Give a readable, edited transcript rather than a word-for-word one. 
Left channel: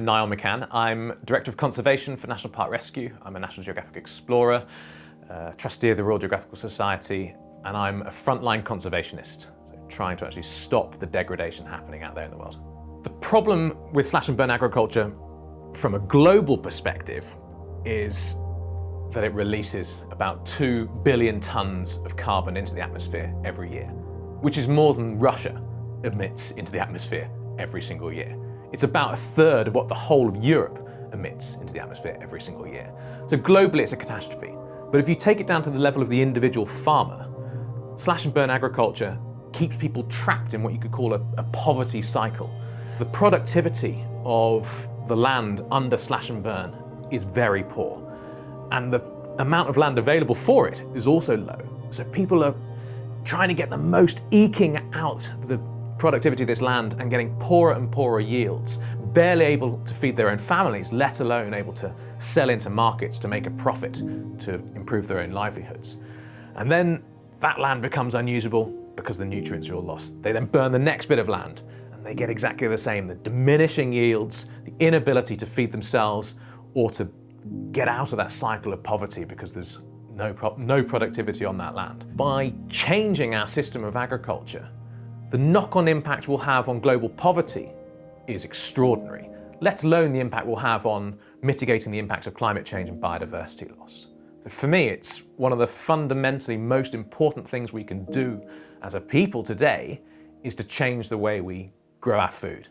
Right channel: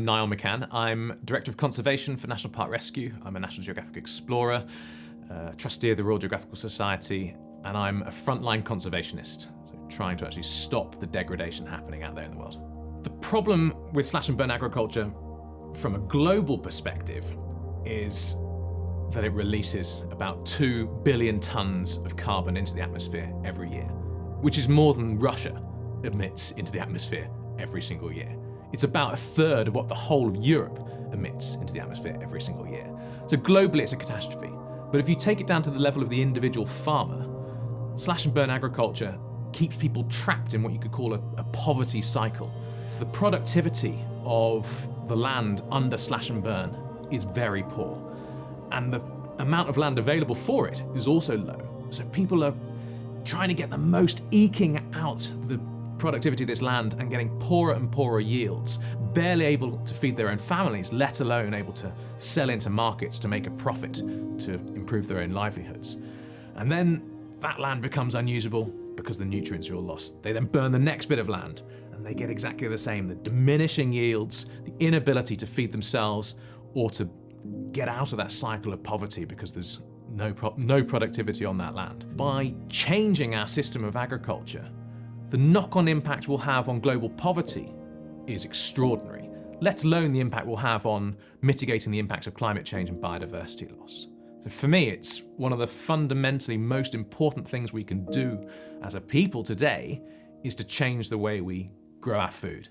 I'm Niall McCann. I'm Director of Conservation for National Park Rescue. I'm a National Geographic Explorer, trustee of the Royal Geographical Society, and I'm a frontline conservationist, so trying to actually stop the degradation happening out there in the world. The problem with slash and burn agriculture from a global perspective is that it releases about 2 billion tons of carbon into the atmosphere every year, which is more than Russia emits into the atmosphere every single year. It's about a third of what the whole of Europe emits into the atmosphere every single year. So globally it's a catastrophe. But if you take it down to the level of the individual farmer, slash and burn agriculture keeps people trapped in what you could call a poverty cycle. The productivity of the land under slash and burn is very poor. And the amount of land available for it is also low. So people are trying to get the most eking out the productivity of this land and getting poorer and poorer yields, barely able to feed their own families, let alone able to sell into markets to make a profit to improve their own livelihoods. And then that land becomes unusable because the nutrients are all lost. They then burn the next bit of land and they get exactly the same, the diminishing yields, the inability to feed themselves or to get out of that cycle of poverty because there's no productivity on that land. By changing our system of agriculture, the knock-on impact we'll have on global poverty is extraordinary, let alone the impact we'll have on mitigating the impacts of climate change and biodiversity loss. So for me, it's one of the fundamentally most important things we can do as a people today is to change the way we grow our food.